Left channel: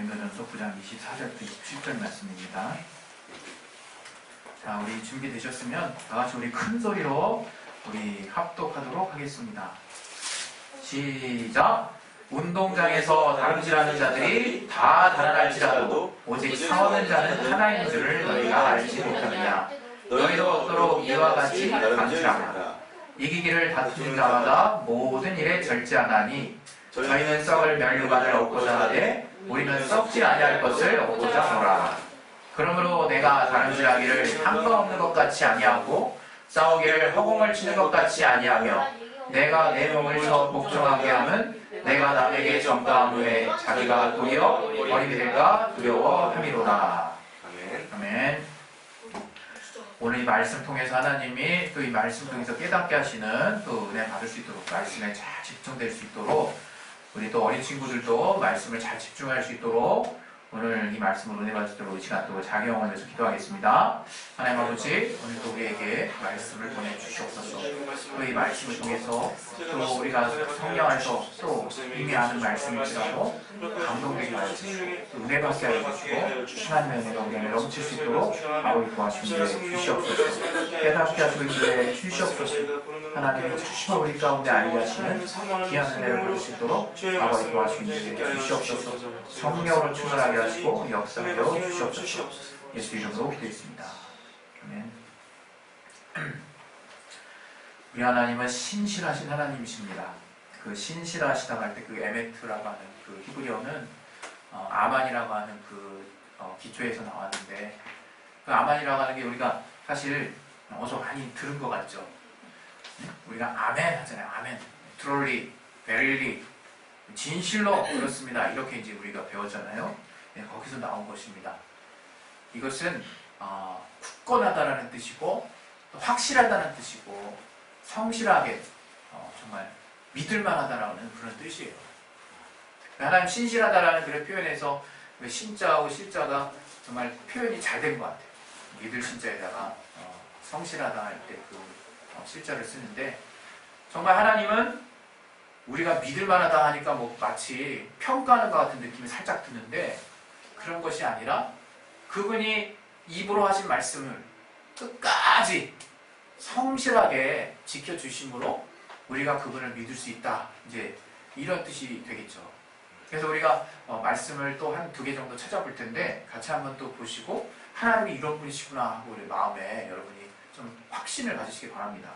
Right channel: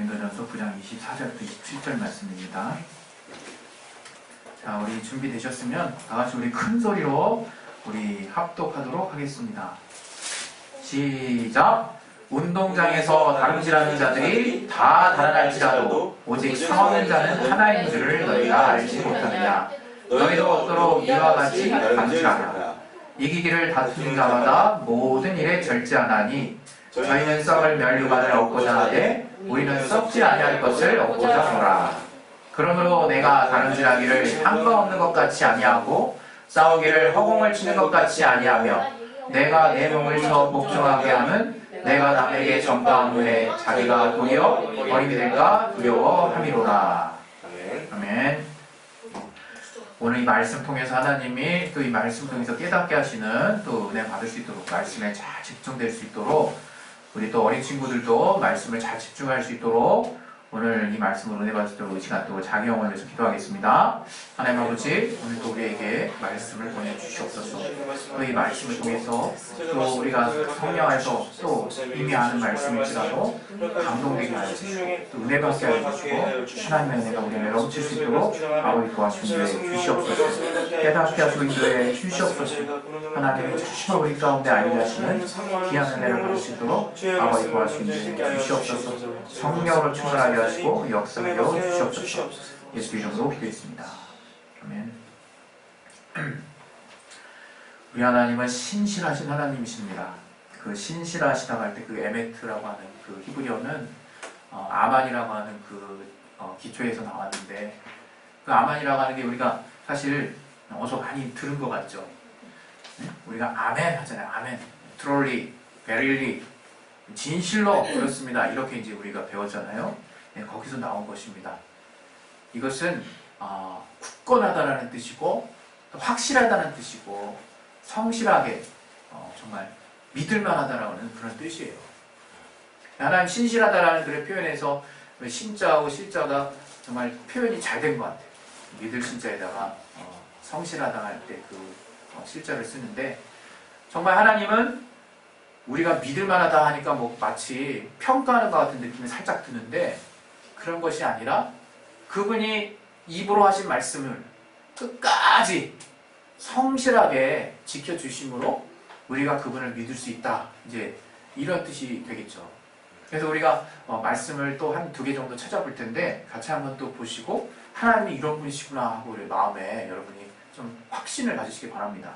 고린도전서 9장 24절부터 27절 말씀입니다. 자, 우리 준비되셨으면 다같이 우리 큰 소리로 우리 합독하도록 하겠습니다. 시작! 운동장에서 다름질하는 자들이 다 달아날지라도 오직 상하는 자는 하나인 줄을 너희가 알지 못하느냐. 너희도 없도록 이와 같이 다름질하라. 이기기를 다투는 자마다 모든 일에 절제하나니 저희는 썩을 면류관을 얻고자 하되 우리는 썩지 아니할 것을 얻고자 하노라. 그러므로 내가 다름질하기를 상관없는 것 같이 아니하고 싸우기를 허공을 치는 것 같이 아니하며 내가 내 몸을 쳐 복종하게 하면 내가 남에게 전가한 후에 자기가 도리어 어림이 될까 두려워함이로라. 아멘. 오늘 이 말씀 통해서 하나님이 또 이 말씀 통해서 깨닫게 하시는 또 은혜 받을 수 있도록 말씀에 잘 집중될 수 있도록 우리 또 어린 친구들도 말씀을 잘 집중할 수 있도록 오늘 이 말씀으로 은혜 받을 수 있도록 이 시간 또 자기 영혼을 위해서 기도하겠습니다. 하나님 아버지, 오늘 또 우리에게 말씀을 보내주시옵소서. 또 이 말씀을 통해서 또 우리가 성령 안에서 또 이미 아는 말씀일지라도 감동되게 하여 주시고 또 은혜 받게 하여 주시고 하나님의 은혜가 우리에게 넘칠 수 있도록 아버지 도와주시기에 주시옵소서. 깨닫게 하시고 인도해 주시옵소서. 하나님의 주심을 우리 가운데 알게 하시는 귀한 은혜를 받을 수 있도록 아버지 도와주시기에 주시옵소서. 성령으로 충만하게 하시고 역사하여 주시옵소서. 예수 이름으로 기도했습니다. 아멘. 우리 하나님은 신실하신 하나님이십니다. 그 신실하시다고 할 때 그 에메트라고 하는 그 히브리어는 아만이라고 하는 그 기초에서 나왔는데 그 아만이라고 하는 게 우리가 사실 어서 많이 들은 것 같죠. 우리가 아멘 하잖아요. 아멘. 트롤리, 베릴리, 진실로 그렇습니다. 이렇게 이제 우리가 배웠잖아요. 네, 거기서 나온 것입니다. 이것은 굳건하다라는 뜻이고 또 확실하다는 뜻이고 성실하게 정말 믿을만하다라는 그런 뜻이에요. 하나님 신실하다라는 그런 표현에서 신자하고 실자가 정말 표현이 잘 된 것 같아요. 믿을 신자에다가 성실하다 할 때 그 실자를 쓰는데 정말 하나님은 우리가 믿을만하다 하니까 뭐 마치 평가하는 것 같은 느낌이 살짝 드는데 그런 것이 아니라 그분이 입으로 하신 말씀을 끝까지 성실하게 지켜주심으로 우리가 그분을 믿을 수 있다. 이제 이런 뜻이 되겠죠. 그래서 우리가 말씀을 또 한 2개 정도 찾아볼 텐데 같이 한번 또 보시고 하나님이 이런 분이시구나 하고 우리 마음에 여러분이 좀 확신을 가지시기 바랍니다.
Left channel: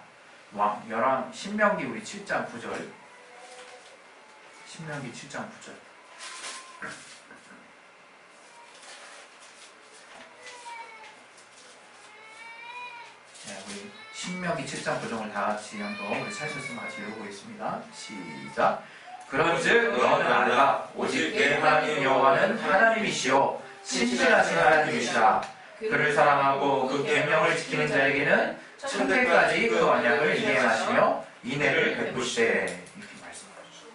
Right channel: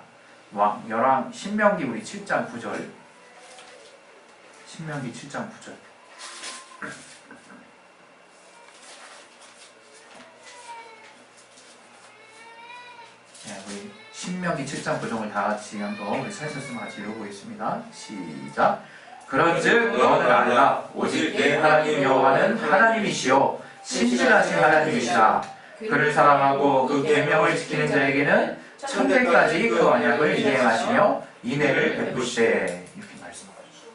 신명기 우리 7장 9절 신명기 7장 9절 네, 우리 신명기 7장 9절을 다 같이 한번 우리 살펴서 같이 읽어보겠습니다. 시작. 그런즉 너는 알라 오직 내 하나님 여호와는 하나님이시요 신실하신 하나님이시라. 그를 사랑하고 그 계명을 지키는 자에게는 천대까지 그 언약을 이행하시며 인애를 베푸시되. 이렇게 말씀하셨죠.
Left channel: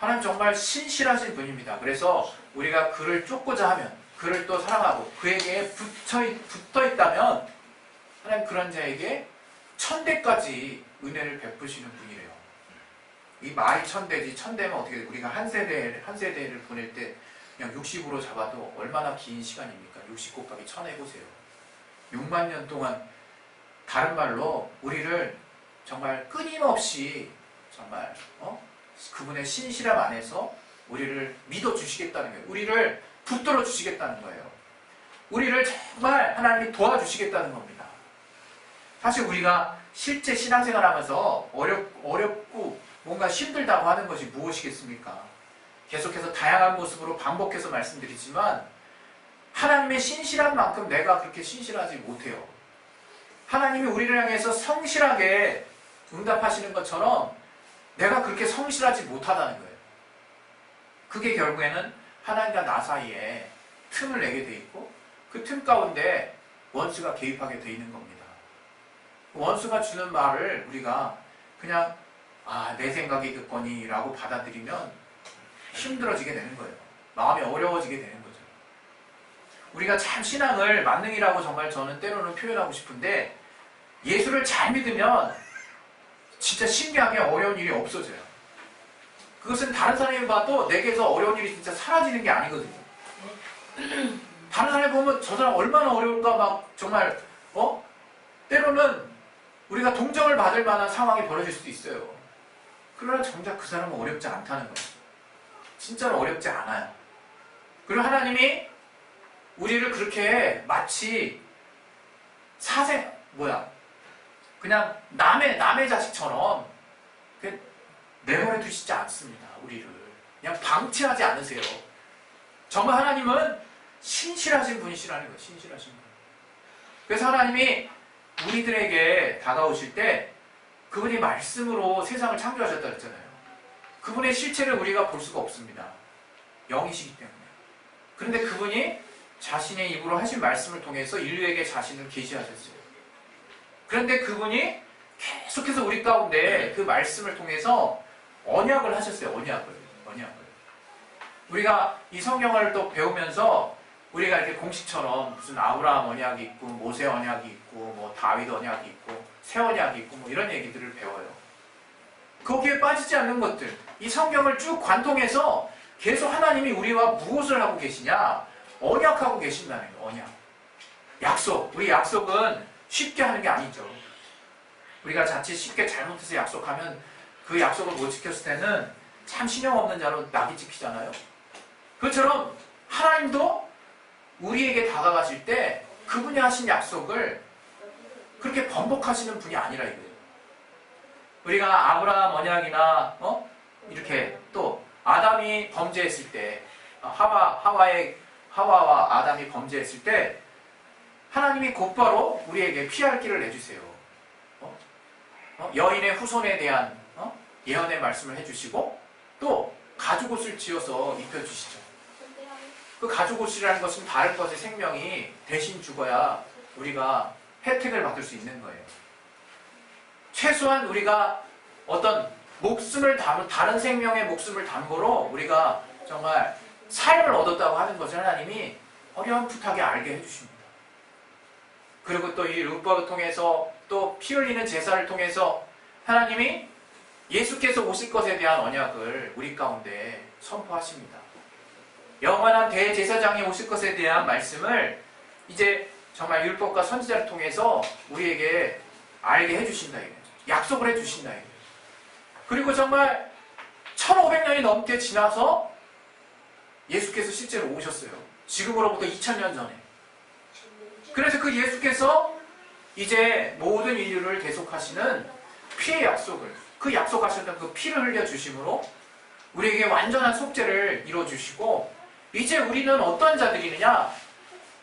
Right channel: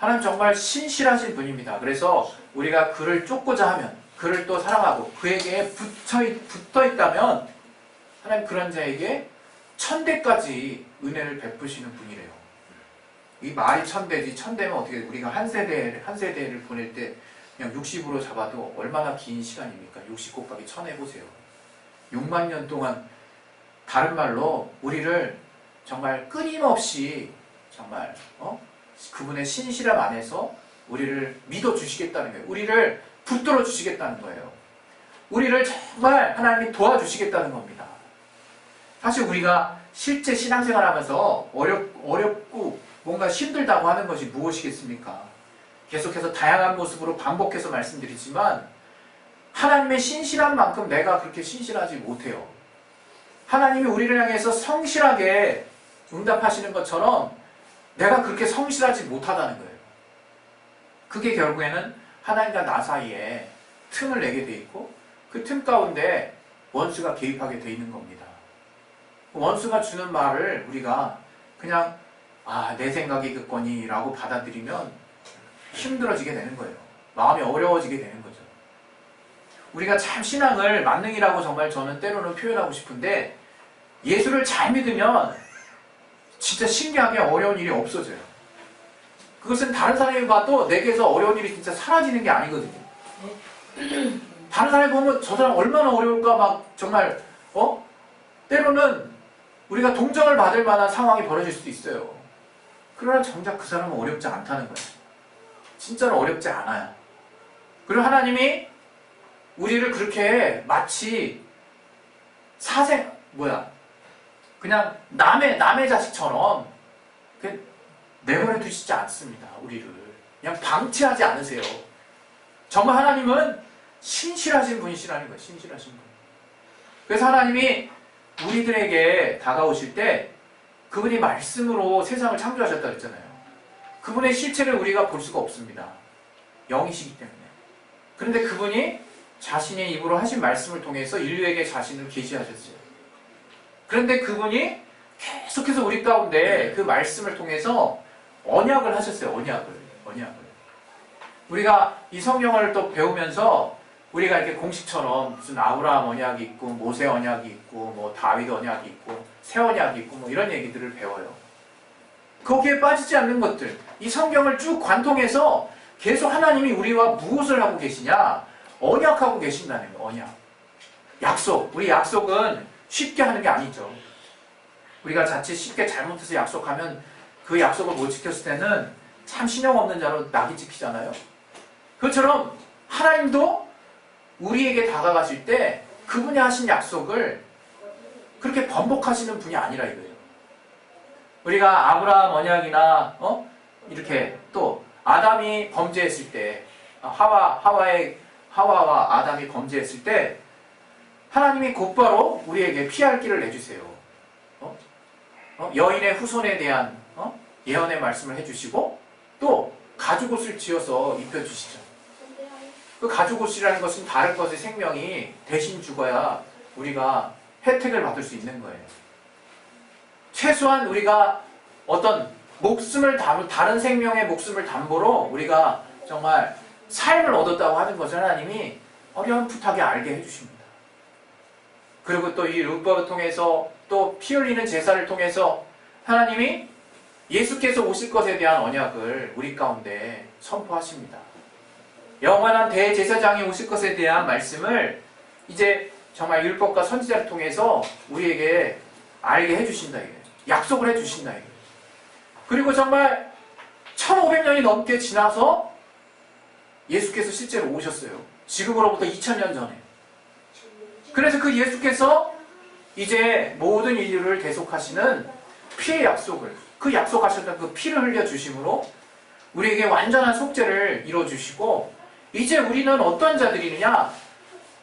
하나님 정말 신실하신 분입니다. 그래서 우리가 그를 쫓고자 하면 그를 또 사랑하고 그에게 붙어 있다면 하나님 그런 자에게 천대까지 은혜를 베푸시는 분이래요. 이 말이 천대지, 천대면 어떻게 우리가 한 세대를 보낼 때 그냥 60으로 잡아도 얼마나 긴 시간입니까? 60 곱하기 1000 해보세요. 6만 년 동안 다른 말로 우리를 정말 끊임없이 정말 그분의 신실함 안에서 우리를 믿어주시겠다는 거예요. 우리를 붙들어 주시겠다는 거예요. 우리를 정말 하나님이 도와주시겠다는 겁니다. 사실 우리가 실제 신앙생활 하면서 어렵고 뭔가 힘들다고 하는 것이 무엇이겠습니까? 계속해서 다양한 모습으로 반복해서 말씀드리지만 하나님의 신실한 만큼 내가 그렇게 신실하지 못해요. 하나님이 우리를 향해서 성실하게 응답하시는 것처럼 내가 그렇게 성실하지 못하다는 거예요. 그게 결국에는 하나님과 나 사이에 틈을 내게 돼 있고 그 틈 가운데 원수가 개입하게 돼 있는 겁니다. 원수가 주는 말을 우리가 그냥 내 생각이 그거니 라고 받아들이면 힘들어지게 되는 거예요. 마음이 어려워지게 되는 거죠. 우리가 참 신앙을 만능이라고 정말 저는 때로는 표현하고 싶은데 예수를 잘 믿으면 진짜 신기하게 어려운 일이 없어져요. 그것은 다른 사람이 봐도 내게서 어려운 일이 진짜 사라지는 게 아니거든요. 다른 사람이 보면 저 사람 얼마나 어려울까 막 정말 때로는 우리가 동정을 받을 만한 상황이 벌어질 수도 있어요. 그러나 정작 그 사람은 어렵지 않다는 거예요. 진짜로 어렵지 않아요. 그리고 하나님이 우리를 그렇게 마치 그냥 남의 자식처럼 내버려 두시지 않습니다. 우리를 그냥 방치하지 않으세요. 정말 하나님은 신실하신 분이시라는 거예요. 신실하신 분. 그래서 하나님이 우리들에게 다가오실 때 그분이 말씀으로 세상을 창조하셨다 그랬잖아요. 그분의 실체를 우리가 볼 수가 없습니다. 영이시기 때문에. 그런데 그분이 자신의 입으로 하신 말씀을 통해서 인류에게 자신을 계시하셨어요. 그런데 그분이 계속해서 우리 가운데 그 말씀을 통해서 언약을 하셨어요. 언약을. 우리가 이 성경을 또 배우면서 우리가 이렇게 공식처럼 무슨 아브라함 언약이 있고 모세 언약이 있고 뭐 다윗 언약이 있고 새 언약이 있고 뭐 이런 얘기들을 배워요. 거기에 빠지지 않는 것들, 이 성경을 쭉 관통해서 계속 하나님이 우리와 무엇을 하고 계시냐? 언약하고 계신다는 거예요. 언약. 약속. 우리 약속은 쉽게 하는 게 아니죠. 우리가 자칫 쉽게 잘못해서 약속하면 그 약속을 못 지켰을 때는 참 신용 없는 자로 낙이 찍히잖아요. 그것처럼 하나님도 우리에게 다가가실 때 그분이 하신 약속을 그렇게 번복하시는 분이 아니라 이거예요. 우리가 아브라함 언약이나 이렇게 또 아담이 범죄했을 때 하와와 아담이 범죄했을 때 하나님이 곧바로 우리에게 피할 길을 내주세요. 여인의 후손에 대한 예언의 말씀을 해주시고 또 가죽옷을 지어서 입혀주시죠. 그 가죽옷이라는 것은 다른 것의 생명이 대신 죽어야 우리가 혜택을 받을 수 있는 거예요. 최소한 우리가 어떤 다른 생명의 목숨을 담보로 우리가 정말 삶을 얻었다고 하는 것을 하나님이 어렴풋하게 알게 해주십니다. 그리고 또 이 율법을 통해서 또 피 흘리는 제사를 통해서 하나님이 예수께서 오실 것에 대한 언약을 우리 가운데 선포하십니다. 영원한 대제사장이 오실 것에 대한 말씀을 이제 정말 율법과 선지자를 통해서 우리에게 알게 해주신다 이거예요. 약속을 해주신다 이거예요. 그리고 정말 1500년이 넘게 지나서 예수께서 실제로 오셨어요. 지금으로부터 2000년 전에. 그래서 그 예수께서 이제 모든 인류를 대속하시는 피의 약속을, 그 약속하셨던 그 피를 흘려주심으로 우리에게 완전한 속죄를 이루어주시고, 이제 우리는 어떤 자들이느냐?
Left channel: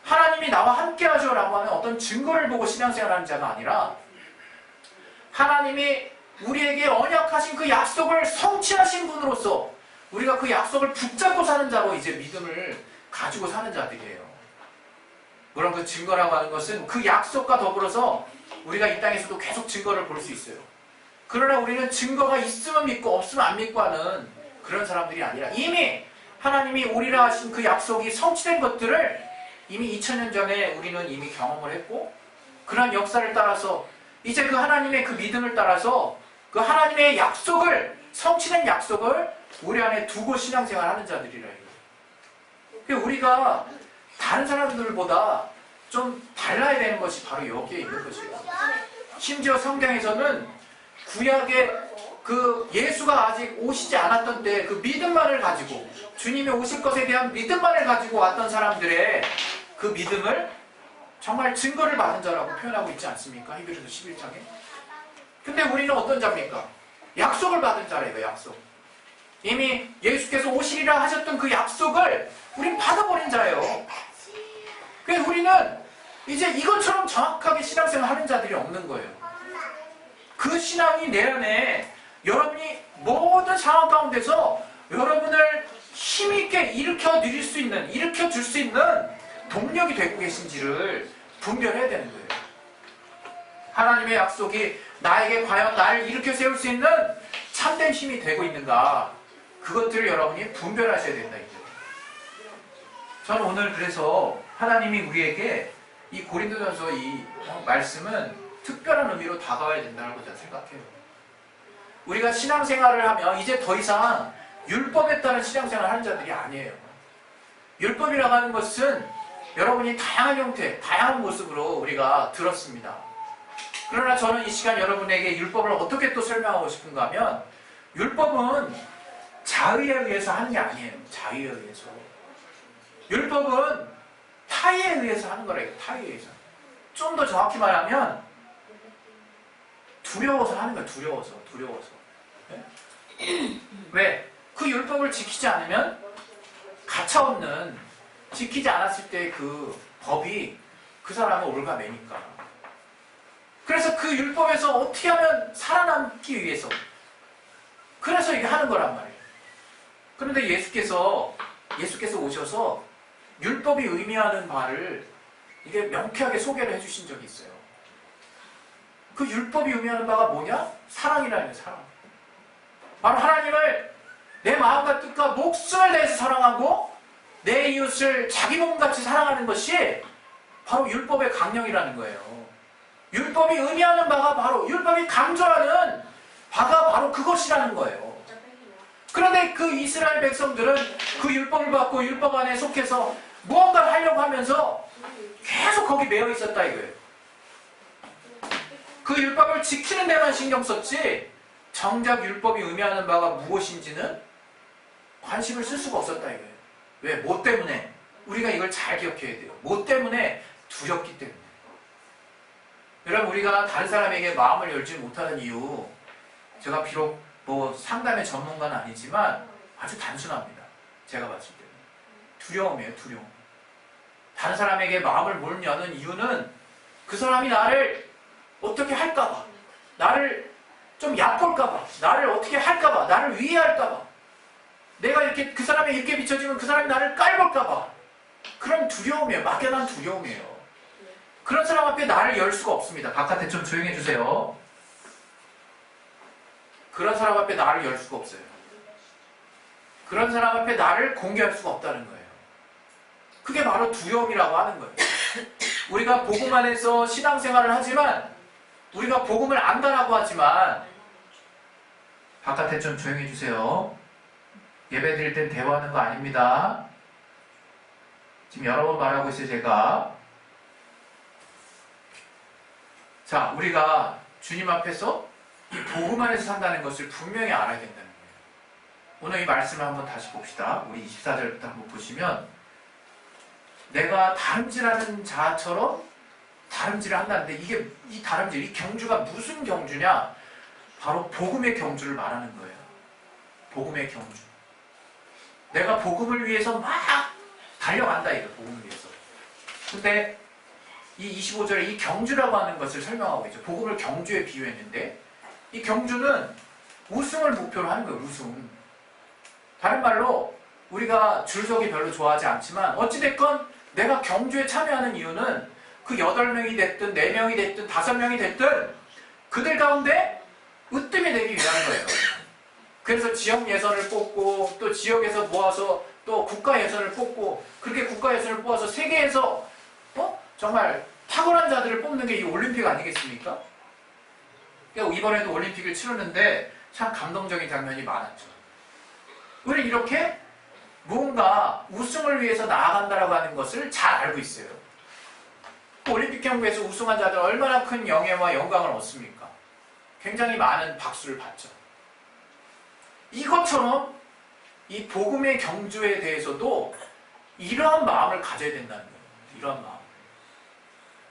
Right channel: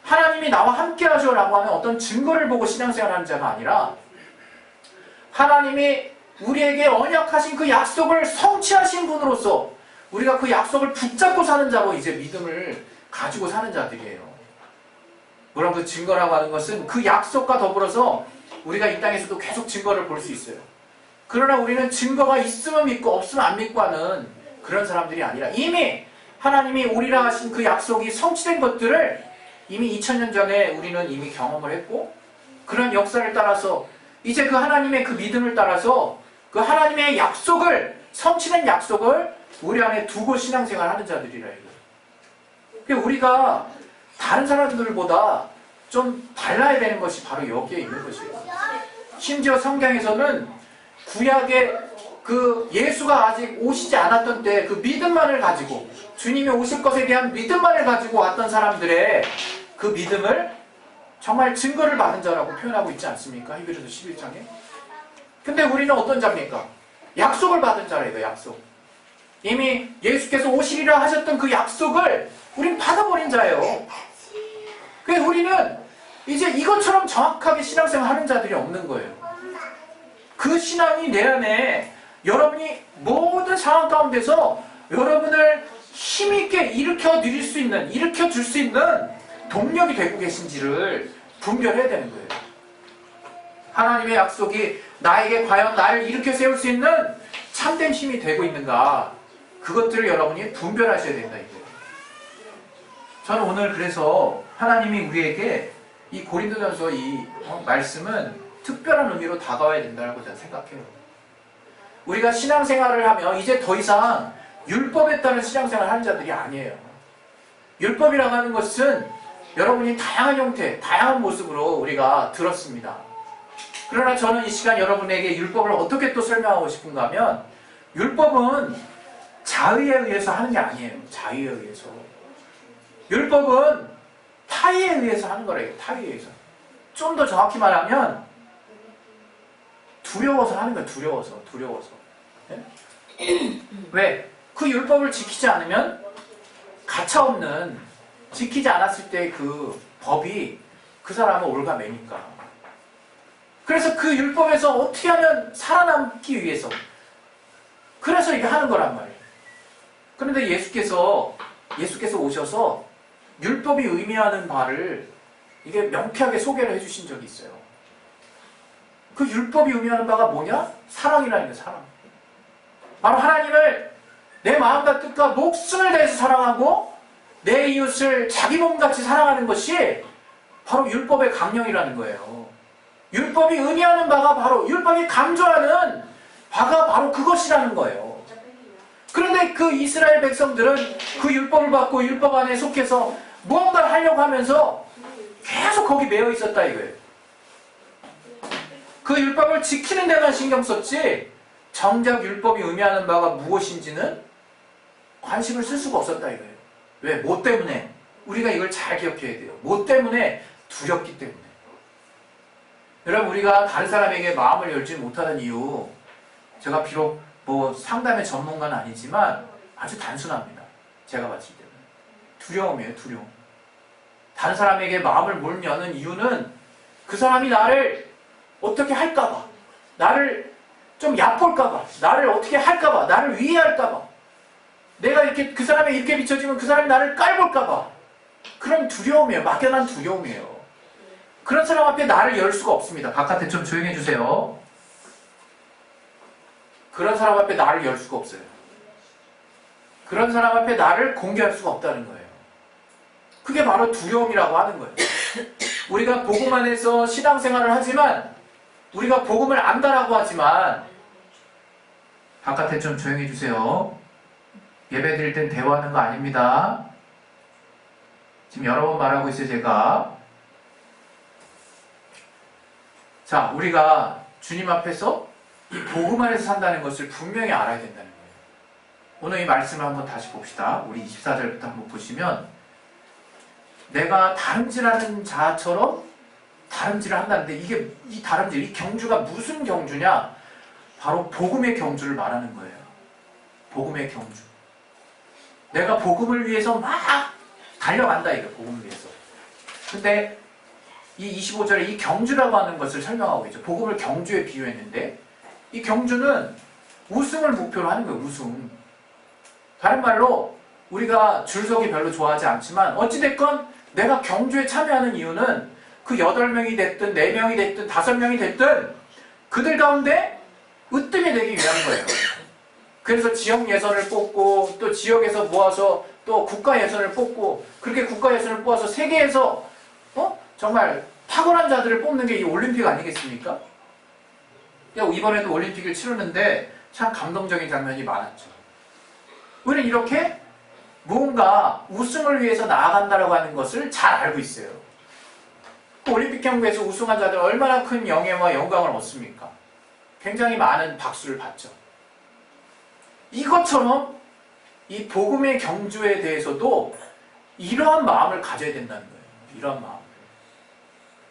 하나님이 나와 함께 하죠라고 하는 어떤 증거를 보고 신앙생활하는 자가 아니라 하나님이 우리에게 언약하신 그 약속을 성취하신 분으로서 우리가 그 약속을 붙잡고 사는 자로 이제 믿음을 가지고 사는 자들이에요. 물론 그 증거라고 하는 것은 그 약속과 더불어서 우리가 이 땅에서도 계속 증거를 볼 수 있어요. 그러나 우리는 증거가 있으면 믿고 없으면 안 믿고 하는 그런 사람들이 아니라 이미 하나님이 오리라 하신 그 약속이 성취된 것들을 이미 2000년 전에 우리는 이미 경험을 했고, 그런 역사를 따라서 이제 그 하나님의 그 믿음을 따라서 그 하나님의 약속을, 성취된 약속을 우리 안에 두고 신앙생활 하는 자들이라 이거. 우리가 다른 사람들보다 좀 달라야 되는 것이 바로 여기에 있는 것이에요. 심지어 성경에서는 구약의 그 예수가 아직 오시지 않았던 때 그 믿음만을 가지고, 주님이 오실 것에 대한 믿음만을 가지고 왔던 사람들의 그 믿음을 정말 증거를 받은 자라고 표현하고 있지 않습니까? 히브리서 11장에. 근데 우리는 어떤 자입니까? 약속을 받은 자래요. 약속. 이미 예수께서 오시리라 하셨던 그 약속을 우리는 받아버린 자예요. 그래서 우리는 이제 이것처럼 정확하게 신앙생활 하는 자들이 없는 거예요. 그 신앙이 내 안에 여러분이 모든 상황 가운데서 여러분을 힘있게 일으켜 줄 수 있는 동력이 되고 계신지를 분별해야 되는 거예요. 하나님의 약속이 나에게 과연 나를 일으켜 세울 수 있는 참된 힘이 되고 있는가, 그것들을 여러분이 분별하셔야 된다 이거예요. 저는 오늘 그래서 하나님이 우리에게 이 고린도전서 이 말씀은 특별한 의미로 다가와야 된다고 저는 생각해요. 우리가 신앙생활을 하면 이제 더 이상 율법에 따른 신앙생활을 하는 자들이 아니에요. 율법이라고 하는 것은 여러분이 다양한 형태, 다양한 모습으로 우리가 들었습니다. 그러나 저는 이 시간 여러분에게 율법을 어떻게 또 설명하고 싶은가 하면 율법은 자의에 의해서 하는 게 아니에요. 자의에 의해서. 율법은 타의에 의해서 하는 거래요. 타의에 의해서. 좀 더 정확히 말하면 두려워서 하는 거예요. 두려워서. 네? 왜? 그 율법을 지키지 않으면 가차없는 지키지 않았을 때 그 법이 그 사람을 올가매니까. 그래서 그 율법에서 어떻게 하면 살아남기 위해서 그래서 이게 하는 거란 말이에요. 그런데 예수께서 오셔서 율법이 의미하는 바를 이게 명쾌하게 소개를 해주신 적이 있어요. 그 율법이 의미하는 바가 뭐냐? 사랑이라는 거예요. 사랑. 바로 하나님을 내 마음과 뜻과 목숨을 다해서 사랑하고 내 이웃을 자기 몸같이 사랑하는 것이 바로 율법의 강령이라는 거예요. 율법이 의미하는 바가 바로 율법이 강조하는 바가 바로 그것이라는 거예요. 그런데 그 이스라엘 백성들은 그 율법을 받고 율법 안에 속해서 무언가를 하려고 하면서 계속 거기 매여 있었다 이거예요. 그 율법을 지키는 데만 신경 썼지 정작 율법이 의미하는 바가 무엇인지는 관심을 쓸 수가 없었다 이거예요. 왜? 뭐 때문에? 우리가 이걸 잘 기억해야 돼요. 뭐 때문에? 두렵기 때문에. 여러분 우리가 다른 사람에게 마음을 열지 못하는 이유 제가 비록 뭐 상담의 전문가는 아니지만 아주 단순합니다. 제가 봤을 때는. 두려움이에요. 두려움. 다른 사람에게 마음을 못 여는 이유는 그 사람이 나를 어떻게 할까봐, 나를 좀 얕볼까봐, 나를 어떻게 할까봐, 나를 위해할까봐, 내가 이렇게 그 사람에 이렇게 비춰지면 그 사람이 나를 깔볼까봐. 그런 두려움이에요. 막연한 두려움이에요. 그런 사람 앞에 나를 열 수가 없습니다. 바깥에 좀 조용히 해주세요. 그런 사람 앞에 나를 열 수가 없어요. 그런 사람 앞에 나를 공개할 수가 없다는 거예요. 그게 바로 두려움이라고 하는 거예요. 우리가 복음 안에서 신앙생활을 하지만 우리가 복음을 안다라고 하지만 바깥에 좀 조용히 해주세요. 예배 드릴 땐 대화하는 거 아닙니다. 지금 여러 번 말하고 있어요, 제가. 자, 우리가 주님 앞에서 이 복음 안에서 산다는 것을 분명히 알아야 된다는 거예요. 오늘 이 말씀을 한번 다시 봅시다. 우리 24절부터 한번 보시면 내가 다름질하는 자처럼 다름질을 한다는데 이게 이 다름질, 이 경주가 무슨 경주냐? 바로 복음의 경주를 말하는 거예요. 복음의 경주. 내가 복음을 위해서 막 달려간다 이거 복음을 위해서. 근데 이 25절에 이 경주라고 하는 것을 설명하고 있죠. 복음을 경주에 비유했는데 이 경주는 우승을 목표로 하는 거예요. 우승. 다른 말로 우리가 줄서기 별로 좋아하지 않지만 어찌됐건 내가 경주에 참여하는 이유는 그 8명이 됐든 4명이 됐든 5명이 됐든 그들 가운데 으뜸이 되기 위한 거예요. 그래서 지역 예선을 뽑고 또 지역에서 모아서 또 국가 예선을 뽑고 그렇게 국가 예선을 뽑아서 세계에서 정말 탁월한 자들을 뽑는 게 이 올림픽 아니겠습니까? 이번에도 올림픽을 치르는데 참 감동적인 장면이 많았죠. 우리는 이렇게 무언가 우승을 위해서 나아간다라고 하는 것을 잘 알고 있어요. 올림픽 경기에서 우승한 자들 얼마나 큰 영예와 영광을 얻습니까? 굉장히 많은 박수를 받죠. 이것처럼 이 복음의 경주에 대해서도 이러한 마음을 가져야 된다는 거예요. 이러한 마음.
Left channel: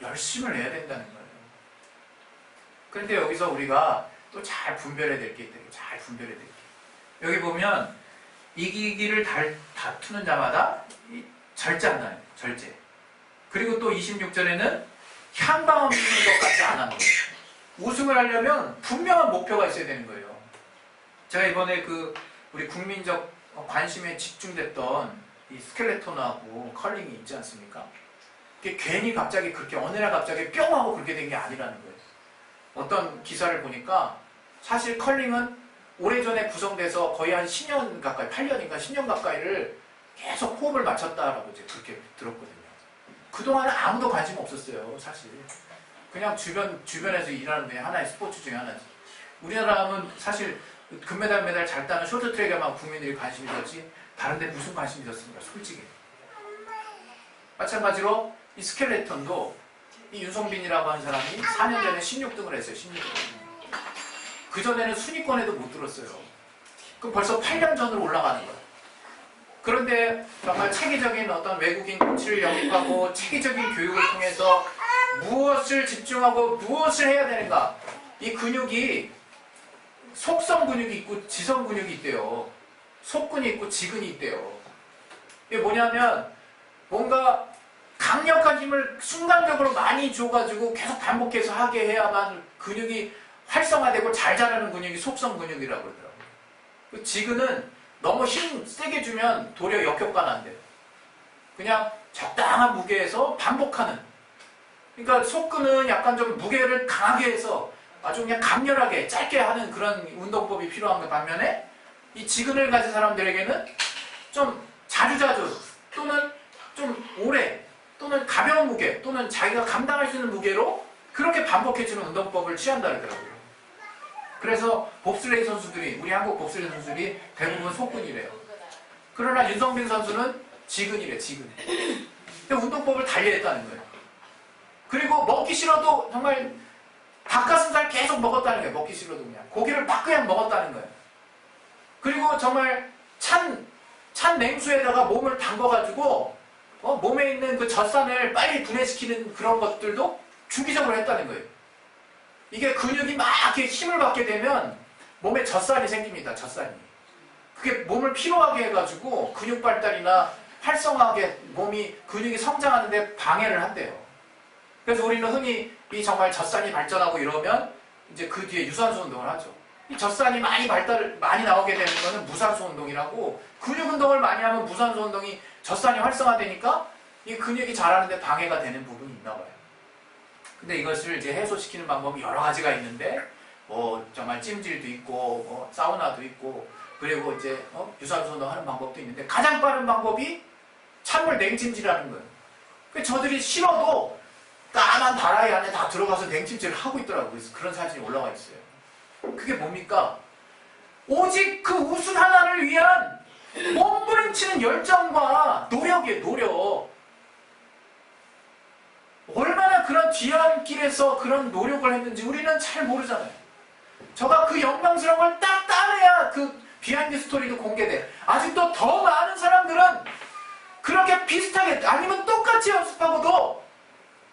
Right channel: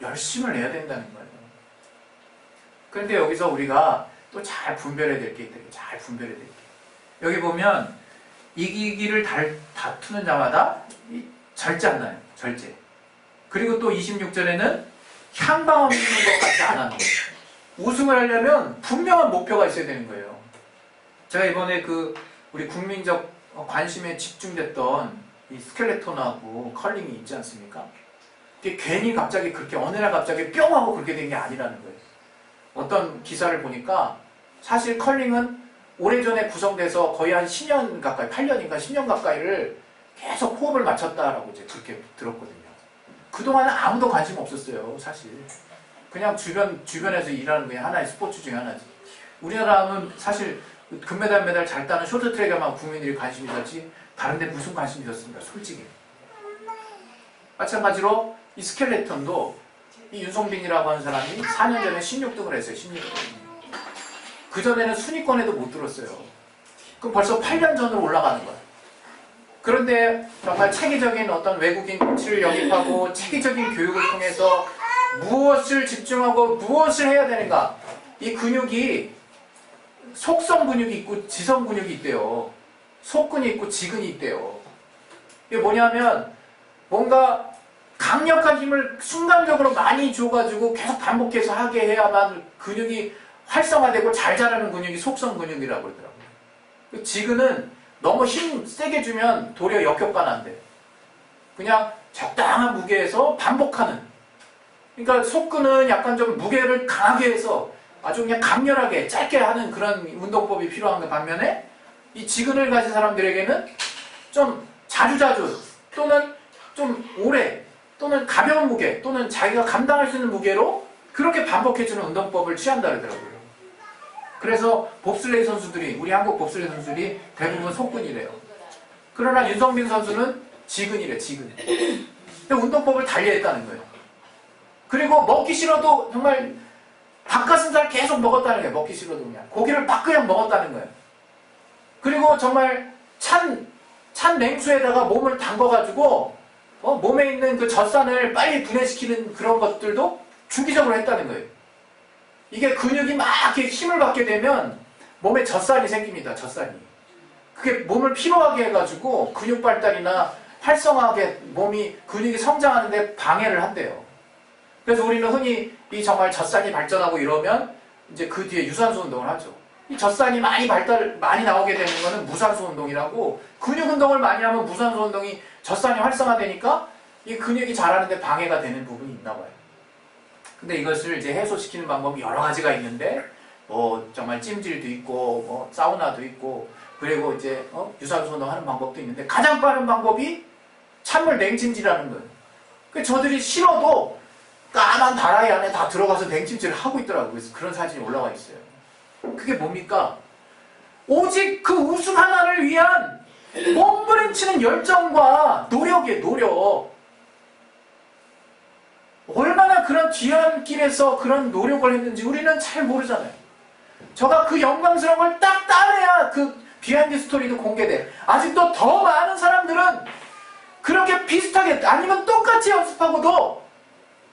열심을 내야 된다는 거예요. 그런데 여기서 우리가 또 잘 분별해야 될 게 있다. 잘 분별해야 될 게. 여기 보면 이기기를 다투는 자마다 절제한다는 거예요. 절제. 그리고 또 26절에는 향방 없는 것 같지 않아. 우승을 하려면 분명한 목표가 있어야 되는 거예요. 제가 이번에 우리 국민적 관심에 집중됐던 이 스켈레톤하고 컬링이 있지 않습니까? 그게 괜히 갑자기 그렇게 어느 날 갑자기 뿅 하고 그렇게 된 게 아니라는 거예요. 어떤 기사를 보니까 사실 컬링은 오래전에 구성돼서 거의 한 10년 가까이, 8년인가 10년 가까이를 계속 호흡을 맞췄다라고 이제 그렇게 들었거든요. 그동안은 아무도 관심 없었어요, 사실. 그냥 주변에서 일하는 그냥 하나의 스포츠 중에 하나지. 우리나라 하면 사실 금메달, 메달 잘 따는 쇼트트랙에만 국민들이 관심이 있었지, 다른 데 무슨 관심이 있었습니까, 솔직히. 마찬가지로 이 스켈레톤도 이 윤성빈이라고 하는 사람이 4년 전에 16등을 했어요. 16등. 그전에는 순위권에도 못 들었어요. 그럼 벌써 8년 전으로 올라가는 거야. 그런데 정말 체계적인 어떤 외국인 코치를 영입하고 체계적인 교육을 통해서 무엇을 집중하고 무엇을 해야 되는가? 이 근육이 속성 근육이 있고 지성 근육이 있대요. 속근이 있고 지근이 있대요. 이게 뭐냐면 뭔가 강력한 힘을 순간적으로 많이 줘가지고 계속 반복해서 하게 해야만 근육이 활성화되고 잘 자라는 근육이 속성 근육이라고 그러더라고요. 지근은 너무 힘 세게 주면 도리어 역효과가 난대요. 그냥 적당한 무게에서 반복하는. 그러니까 속근은 약간 좀 무게를 강하게 해서 아주 그냥 강렬하게 짧게 하는 그런 운동법이 필요한 것 반면에 이 지근을 가진 사람들에게는 좀 자주자주 또는 좀 오래 또는 가벼운 무게 또는 자기가 감당할 수 있는 무게로 그렇게 반복해주는 운동법을 취한다 그러더라고요. 그래서 봅슬레이 선수들이 우리 한국 봅슬레이 선수들이 대부분 속근이래요. 그러나 윤성빈 선수는 지근이래. 지근. 운동법을 달리했다는 거예요. 그리고 먹기 싫어도 정말 닭가슴살 계속 먹었다는 거예요. 먹기 싫어도 그냥 고기를 막 그냥 먹었다는 거예요. 그리고 정말 찬 냉수에다가 몸을 담궈가지고 몸에 있는 그 젖산을 빨리 분해시키는 그런 것들도 주기적으로 했다는 거예요. 이게 근육이 막 이렇게 힘을 받게 되면 몸에 젖산이 생깁니다. 젖산이. 그게 몸을 피로하게 해가지고 근육 발달이나 활성화하게 몸이 근육이 성장하는데 방해를 한대요. 그래서 우리는 흔히 이 정말 젖산이 발전하고 이러면 이제 그 뒤에 유산소 운동을 하죠. 이 젖산이 많이 나오게 되는 거는 무산소 운동이라고 근육 운동을 많이 하면 무산소 운동이 젖산이 활성화되니까 이 근육이 자라는데 방해가 되는 부분이 있나 봐요. 근데 이것을 이제 해소시키는 방법이 여러 가지가 있는데 뭐 정말 찜질도 있고 뭐 사우나도 있고 그리고 이제 유산소 운동하는 방법도 있는데 가장 빠른 방법이 찬물 냉찜질하는 거예요. 그래서 저들이 싫어도 까만 다라이 안에 다 들어가서 냉찜질을 하고 있더라고요. 그래서 그런 사진이 올라와 있어요. 그게 뭡니까? 오직 그 우승 하나를 위한 몸부림치는 열정과 노력이에요. 노력. 얼마나 그런 뒤안길에서 그런 노력을 했는지 우리는 잘 모르잖아요. 저가 그 영광스러운 걸 딱 따내야 그 비하인드 스토리도 공개돼. 아직도 더 많은 사람들은 그렇게 비슷하게 아니면 똑같이 연습하고도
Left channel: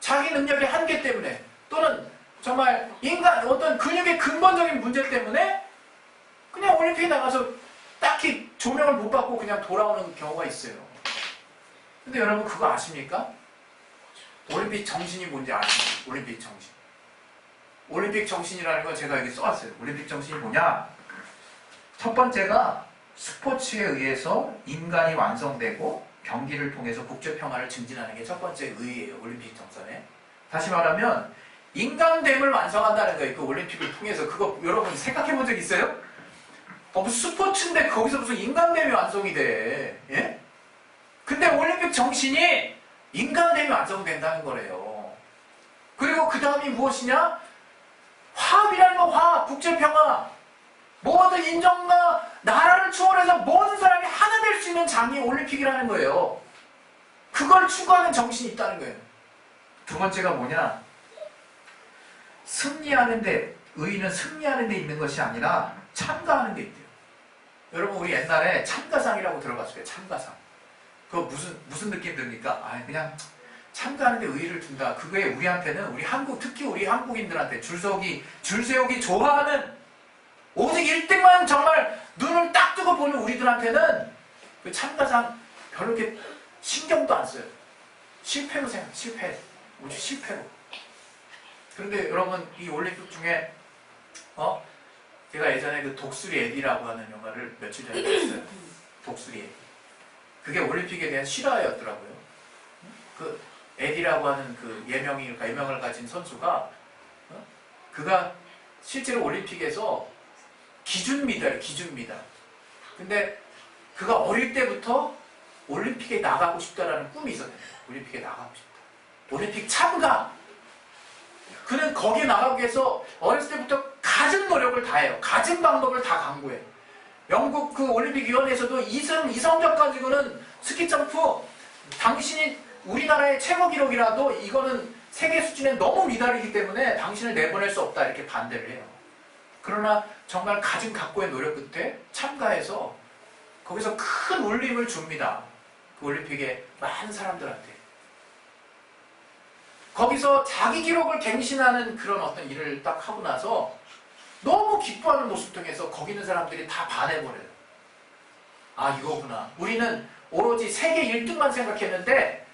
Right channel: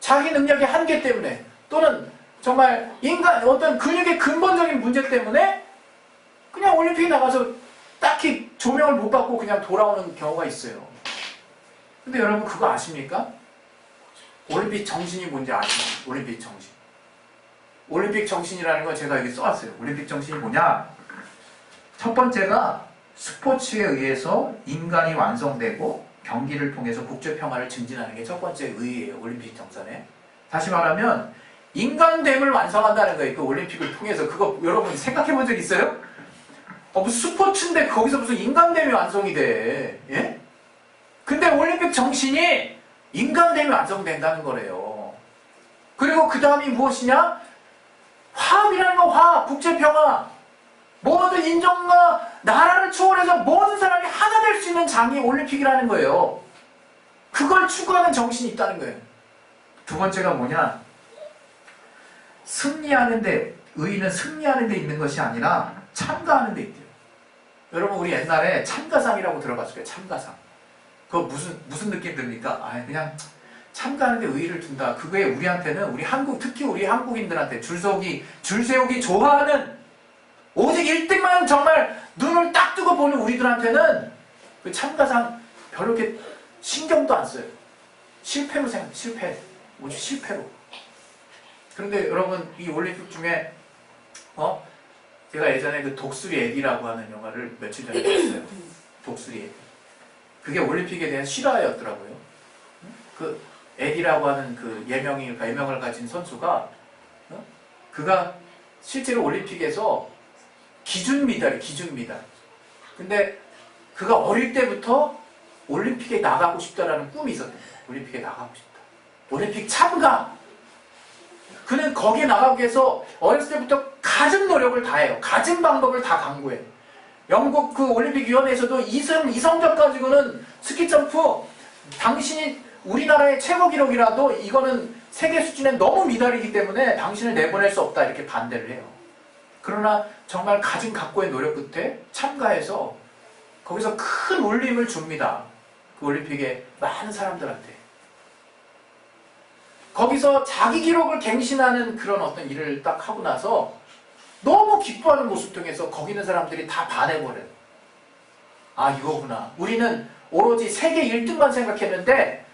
자기 능력의 한계 때문에 또는 정말 인간 어떤 근육의 근본적인 문제 때문에 그냥 올림픽에 나가서 딱히 조명을 못 받고 그냥 돌아오는 경우가 있어요. 근데 여러분 그거 아십니까? 올림픽 정신이 뭔지 아십니까? 올림픽 정신. 올림픽 정신이라는 건 제가 여기 써왔어요. 올림픽 정신이 뭐냐? 첫 번째가 스포츠에 의해서 인간이 완성되고 경기를 통해서 국제평화를 증진하는 게 첫 번째 의의예요. 올림픽 정선에. 다시 말하면 인간됨을 완성한다는 거예요. 그 올림픽을 통해서. 그거 여러분 생각해 본 적 있어요? 무슨 스포츠인데 거기서 무슨 인간됨이 완성이 돼. 예? 근데 올림픽 정신이 인간됨이 완성된다는 거래요. 그리고 그 다음이 무엇이냐? 화합이라는 거, 화합, 국제평화. 모든 인종과 나라를 초월해서 모든 사람이 하나 될 수 있는 장이 올림픽이라는 거예요. 그걸 추구하는 정신이 있다는 거예요. 두 번째가 뭐냐? 승리하는데, 의의는 승리하는 데 있는 것이 아니라 참가하는 데 있대요. 여러분 우리 옛날에 참가상이라고 들어봤을 거예요. 참가상. 그거 무슨 느낌 듭니까? 그냥 참가하는 데 의의를 둔다. 그거에 우리한테는 특히 우리 한국인들한테 줄 세우기 좋아하는 오직 1등만 정말 눈을 딱 뜨고 보는 우리들한테는 그 참가상 별로 이렇게 신경도 안 써요. 실패로 생각해요. 실패. 오직 실패로. 그런데 여러분 이 올림픽 중에 제가 예전에 그 독수리 애기라고 하는 영화를 며칠 전에 봤어요. 독수리 애기. 그게 올림픽에 대한 실화였더라고요. 그 에디라고 하는 그 예명을 가진 선수가 그가 실제로 올림픽에서 기준 미달. 근데 그가 어릴 때부터 올림픽에 나가고 싶다라는 꿈이 있었대요. 올림픽에 나가고 싶다. 올림픽 참가. 그는 거기에 나가기 위해서 어렸을 때부터 갖은 노력을 다해요. 갖은 방법을 다 강구해요. 영국 그 올림픽 위원회에서도 이성적 가지고는 스키 점프 당신이 우리나라의 최고 기록이라도 이거는 세계 수준에 너무 미달이기 때문에 당신을 내보낼 수 없다 이렇게 반대를 해요. 그러나 정말 가진 각고의 노력 끝에 참가해서 거기서 큰 울림을 줍니다. 그 올림픽에 많은 사람들한테. 거기서 자기 기록을 갱신하는 그런 어떤 일을 딱 하고 나서 너무 기뻐하는 모습 통해서 거기 있는 사람들이 다 반해버려요. 아, 이거구나. 우리는 오로지 세계 1등만 생각했는데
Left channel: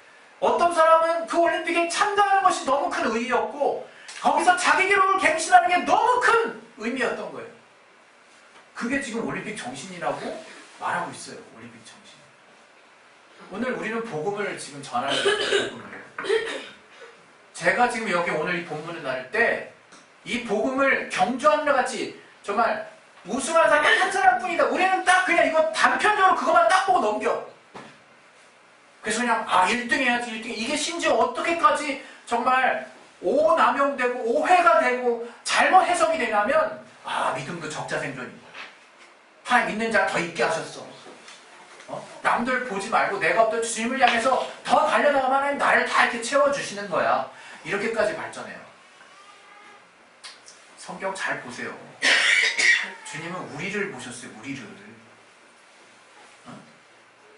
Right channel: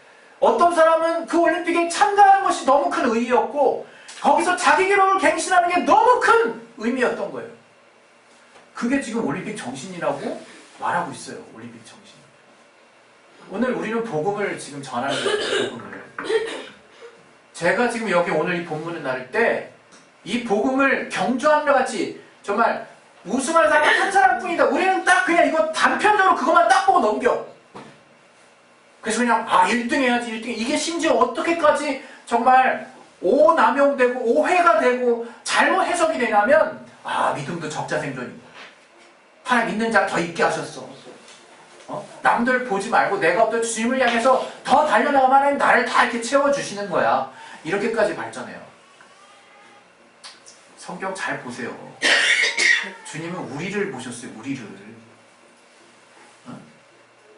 어떤 사람은 그 올림픽에 참가하는 것이 너무 큰 의의였고 거기서 자기 기록을 갱신하는 게 너무 큰 의미였던 거예요. 그게 지금 올림픽 정신이라고 말하고 있어요. 올림픽 정신. 오늘 우리는 복음을 지금 전하는 거예요. 복음을. 제가 지금 여기 오늘 이 본문을 나눌 때 이 복음을 경주하는 것 같이 정말 우승하는 사람이 한 사람뿐이다. 우리는 딱 그냥 이거 단편적으로 그것만 딱 보고 넘겨. 그래서 그냥 1등 해야지 1등. 이게 심지어 어떻게까지 정말 오남용되고 오해가 되고 잘못 해석이 되냐면 믿음도 적자생존이고 하나님 믿는 자 더 있게 하셨어. 남들 보지 말고 내가 어떤 주님을 향해서 더 달려나가면 하나님 나를 다 이렇게 채워주시는 거야. 이렇게까지 발전해요. 성경 잘 보세요. 주님은 우리를 보셨어요. 우리를.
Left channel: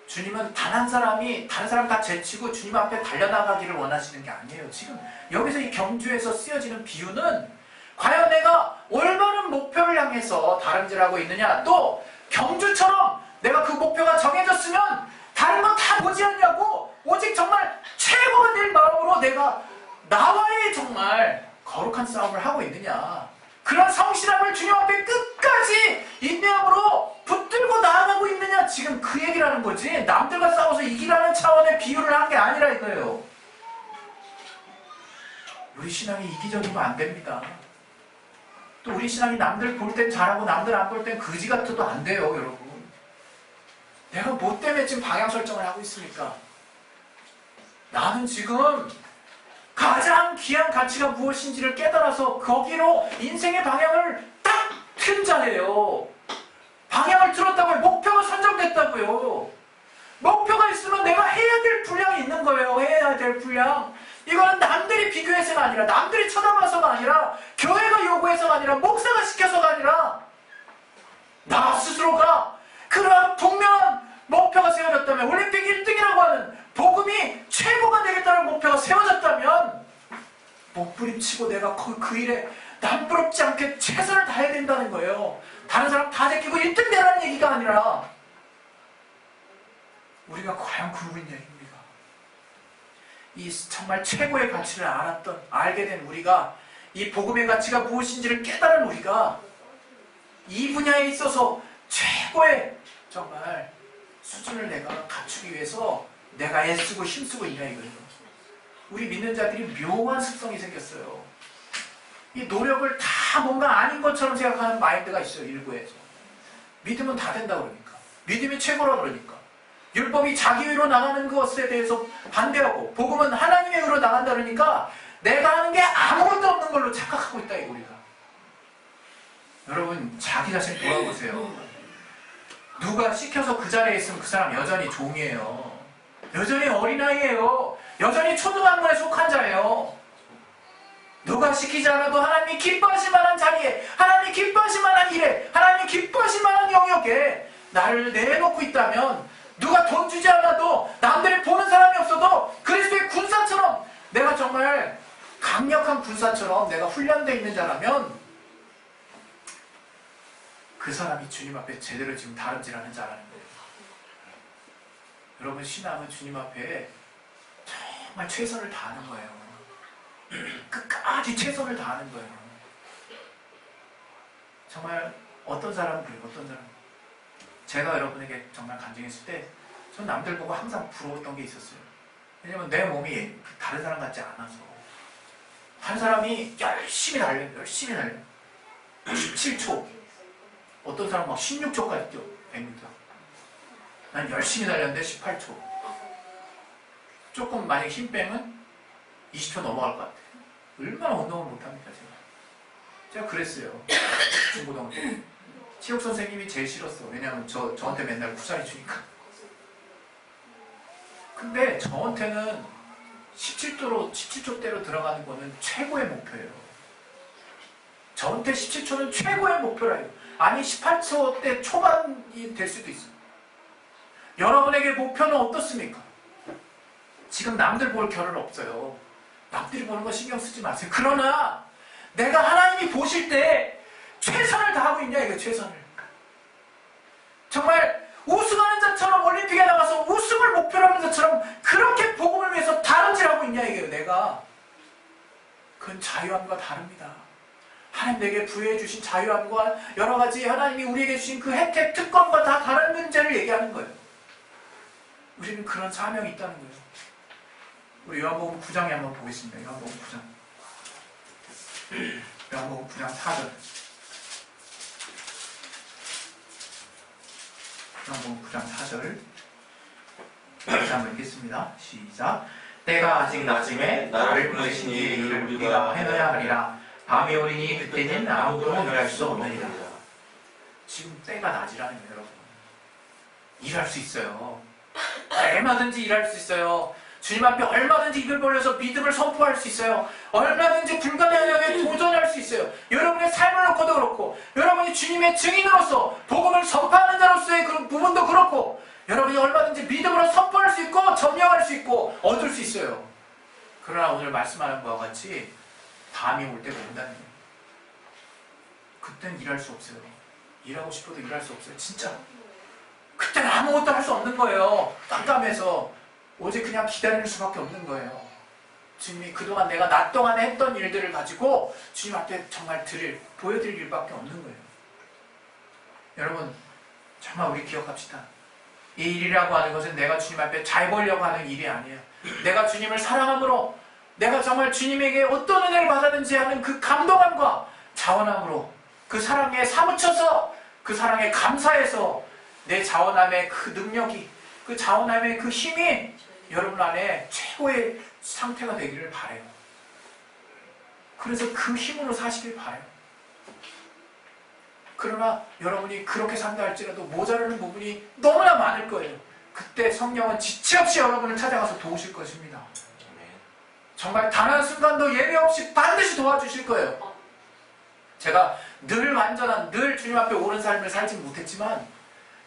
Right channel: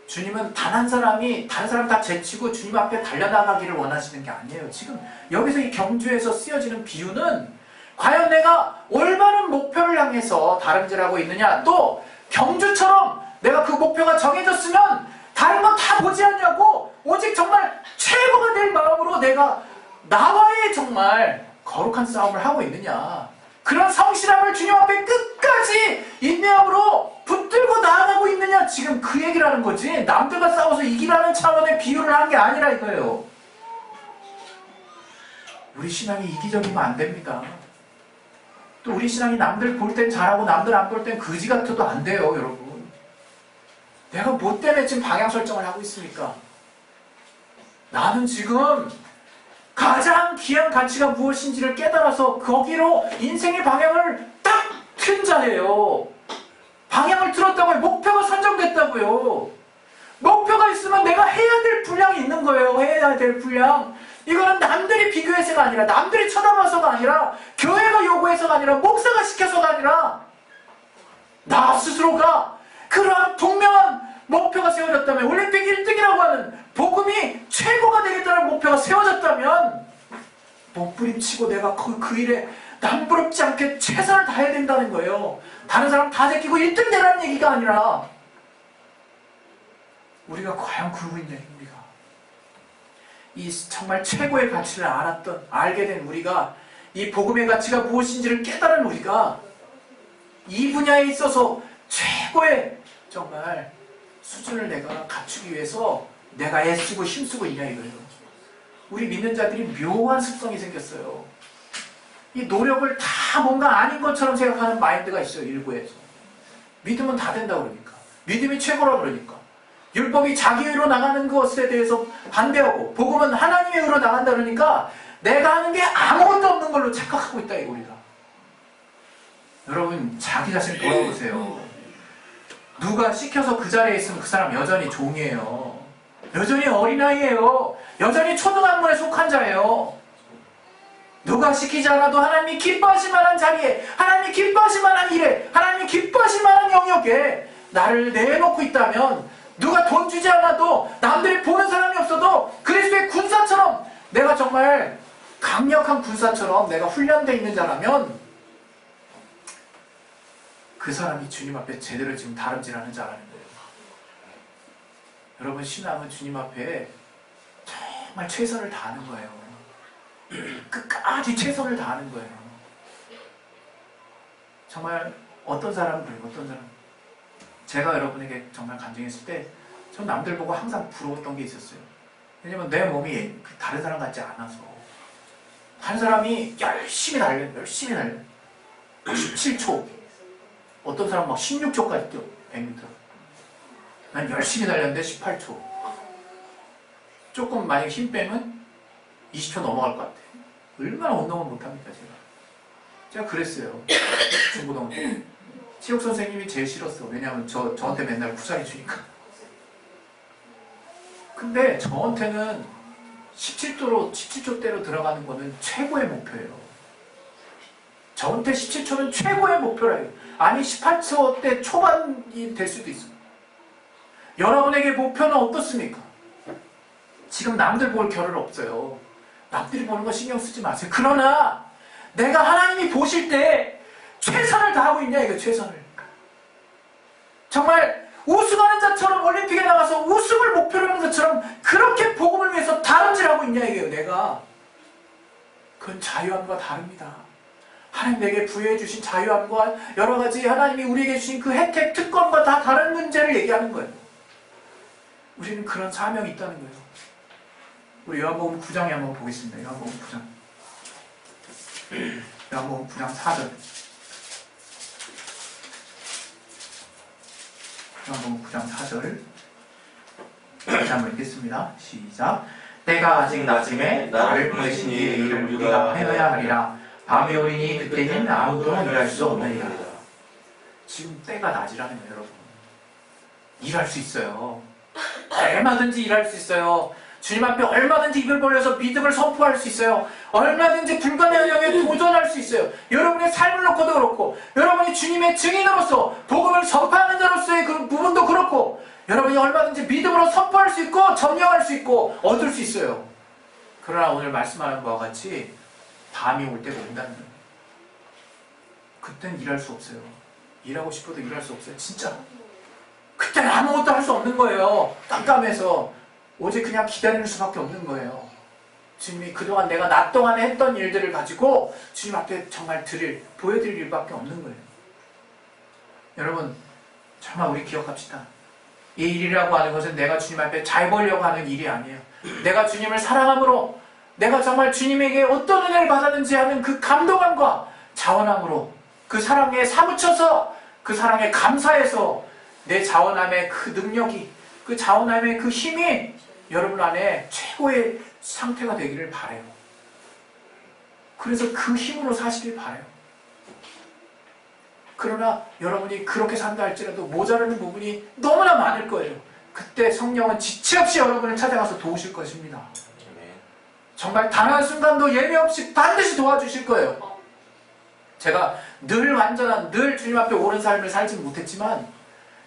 주님은 단 한 사람이 다른 사람 다 제치고 주님 앞에 달려나가기를 원하시는 게 아니에요. 지금 여기서 이 경주에서 쓰여지는 비유는 과연 내가 올바른 목표를 향해서 다름질하고 있느냐, 또 경주처럼 내가 그 목표가 정해졌으면 다른 건 다 보지 않냐고 오직 정말 최고가 될 마음으로 내가 나와의 정말 거룩한 싸움을 하고 있느냐, 그런 성실함을 주님 앞에 끝까지 인내함으로 붙들고 나아가고 있느냐, 지금 그 얘기를 하는 거지. 남들과 싸워서 이기라는 차원의 비유를 한 게 아니라 이거예요. 우리 신앙이 이기적이면 안 됩니다. 또 우리 신앙이 남들 볼 땐 잘하고 남들 안 볼 땐 거지 같아도 안 돼요, 여러분. 내가 뭐 때문에 지금 방향 설정을 하고 있습니까? 나는 지금 가장 귀한 가치가 무엇인지를 깨달아서 거기로 인생의 방향을 딱 튼 자예요. 방향을 틀었다고요. 목표가 선정됐다고요. 목표가 있으면 내가 해야 될 분량이 있는 거예요. 해야 될 분량. 이거는 남들이 비교해서가 아니라, 남들이 쳐다봐서가 아니라, 교회가 요구해서가 아니라, 목사가 시켜서가 아니라, 나 스스로가 그러한 분명한 목표가 세워졌다면, 올림픽 1등이라고 하는 복음이 최고가 되겠다는 목표가 세워졌다면 몸부림치고 내가 그 일에 남부럽지 않게 최선을 다해야 된다는 거예요. 다른 사람 다 제끼고 1등 되라는 얘기가 아니라 우리가 과연 그러고 있냐, 우리가. 이 정말 최고의 가치를 알게 된 우리가, 이 복음의 가치가 무엇인지를 깨달은 우리가 이 분야에 있어서 최고의 정말 수준을 내가 갖추기 위해서 내가 애쓰고 힘쓰고 있냐 이거예요. 우리 믿는 자들이 묘한 습성이 생겼어요. 이 노력을 다 뭔가 아닌 것처럼 생각하는 마인드가 있어요. 일부에서. 믿음은 다 된다 그러니까. 믿음이 최고라 그러니까. 율법이 자기 의로 나가는 것에 대해서 반대하고, 복음은 하나님의 의로 나간다 그러니까 내가 하는 게 아무것도 없는 걸로 착각하고 있다, 우리가. 여러분, 자기 자신 돌아보세요. 누가 시켜서 그 자리에 있으면 그 사람 여전히 종이에요. 여전히 어린아이예요. 여전히 초등학문에 속한 자예요. 누가 시키지 않아도 하나님이 기뻐하실 만한 자리에, 하나님이 기뻐하실 만한 일에, 하나님이 기뻐하실 만한 영역에 나를 내놓고 있다면, 누가 돈 주지 않아도, 남들이 보는 사람이 없어도 그리스도의 군사처럼, 내가 정말 강력한 군사처럼 내가 훈련되어 있는 자라면 그 사람이 주님 앞에 제대로 지금 다름질하는 자라는 거예요. 여러분, 신앙은 주님 앞에 정말 최선을 다하는 거예요. 끝까지 최선을 다하는 거예요. 정말 어떤 사람은 그래요. 어떤 사람은. 제가 여러분에게 정말 간증했을 때 전 남들 보고 항상 부러웠던 게 있었어요. 왜냐면 내 몸이 다른 사람 같지 않아서. 한 사람이 열심히 달려요. 열심히 달려요. 17초. 어떤 사람은 막 16초까지 뛰어. 100m. 난 열심히 달렸는데 18초. 조금 만약에 힘 빼면 20초 넘어갈 것 같아요. 얼마나 운동을 못합니까, 제가 그랬어요. 중고등학교 때. 체육 선생님이 제일 싫었어. 왜냐하면 저한테 맨날 쿠사리 주니까. 근데 저한테는 17조대로 들어가는 거는 최고의 목표예요. 전태 17초는 최고의 목표라요. 아니 18초 때 초반이 될 수도 있어요. 여러분에게 목표는 어떻습니까? 지금 남들 볼 겨를 없어요. 남들이 보는 거 신경 쓰지 마세요. 그러나 내가 하나님이 보실 때 최선을 다하고 있냐 이거 최선을. 정말 우승하는 자처럼 올림픽에 나가서 우승을 목표로 하는 것처럼 그렇게 복음을 위해서 다름질하고 있냐 이게요 내가. 그건 자유함과 다릅니다. 하나님 내게 부여해 주신 자유함과 여러 가지 하나님이 우리에게 주신 그 혜택, 특권과 다 다른 문제를 얘기하는 거예요. 우리는 그런 사명이 있다는 거예요. 우리 요한복음 9장에 한번 보겠습니다. 요한복음 9장. 요한복음 9장 4절. 요한복음 9장 4절. 다시 한번 읽겠습니다. 시작. 때가 아직 낮음에 나를 보내신 이의 일을 우리가 행해야 하리라. 밤이 오리니 그때는 아무도 일할 수 없느니라. 지금 때가 낮이라는 거예요, 여러분. 일할 수 있어요. 얼마든지 일할 수 있어요. 주님 앞에 얼마든지 입을 벌려서 믿음을 선포할 수 있어요. 얼마든지 불가능한 영역에 도전할 수 있어요. 여러분의 삶을 놓고도 그렇고, 여러분이 주님의 증인으로서 복음을 선포하는 자로서의 그 부분도 그렇고, 여러분이 얼마든지 믿음으로 선포할 수 있고 점령할 수 있고 얻을 수 있어요. 그러나 오늘 말씀하는 바와 같이 밤이 올 때가 온다는 거예요. 그땐 일할 수 없어요. 일하고 싶어도 일할 수 없어요. 진짜. 그때는 아무것도 할 수 없는 거예요. 깜깜해서 오직 그냥 기다리는 수밖에 없는 거예요. 주님이 그동안 내가 낮 동안에 했던 일들을 가지고 주님 앞에 정말 보여드릴 일밖에 없는 거예요. 여러분 정말 우리 기억합시다. 이 일이라고 하는 것은 내가 주님 앞에 잘 보려고 하는 일이 아니에요. 내가 주님을 사랑함으로 내가 정말 주님에게 어떤 은혜를 받았는지 하는 그 감동함과 자원함으로 그 사랑에 사무쳐서 그 사랑에 감사해서 내 자원함의 그 능력이 그 자원함의 그 힘이 여러분 안에 최고의 상태가 되기를 바라요. 그래서 그 힘으로 사시길 바라요. 그러나 여러분이 그렇게 산다 할지라도 모자라는 부분이 너무나 많을 거예요. 그때 성령은 지체 없이 여러분을 찾아가서 도우실 것입니다. 정말 단 한순간도 예외 없이 반드시 도와주실 거예요. 제가 늘 완전한, 늘 주님 앞에 옳은 삶을 살지 못했지만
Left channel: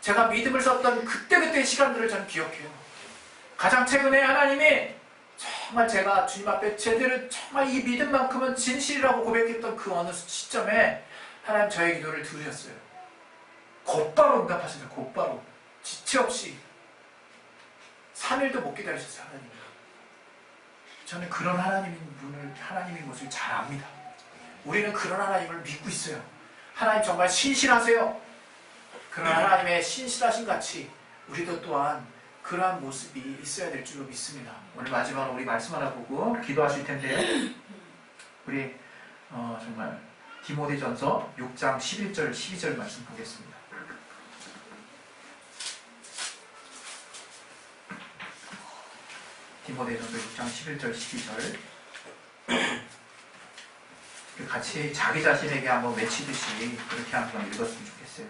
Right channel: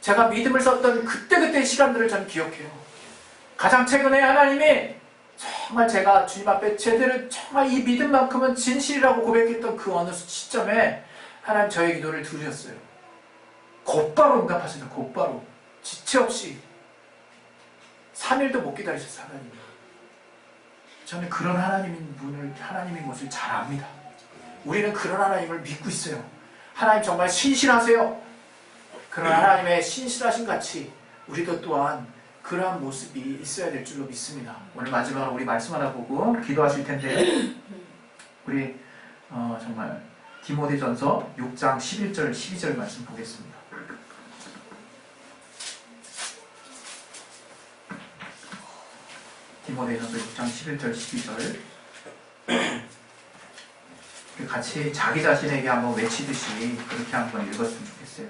제가 믿음을 썼던 그때그때의 시간들을 저는 기억해요. 가장 최근에 하나님이 정말 제가 주님 앞에 제대로 정말 이 믿음만큼은 진실이라고 고백했던 그 어느 시점에 하나님 저의 기도를 들으셨어요. 곧바로 응답하시죠. 곧바로. 지체 없이 3일도 못 기다리셨어요. 하나님. 저는 그런 하나님인 것을 잘 압니다. 우리는 그런 하나님을 믿고 있어요. 하나님 정말 신실하세요. 그런 하나님의 신실하신 같이 우리도 또한 그러한 모습이 있어야 될 줄로 믿습니다. 오늘 마지막으로 우리 말씀 하나 보고 기도하실 텐데 우리 정말 디모데전서 6장 11절 12절 말씀 보겠습니다. 디모데전서 6장 11절 12절 같이 자기 자신에게 한번 외치듯이 그렇게 한번 읽었으면 좋겠어요.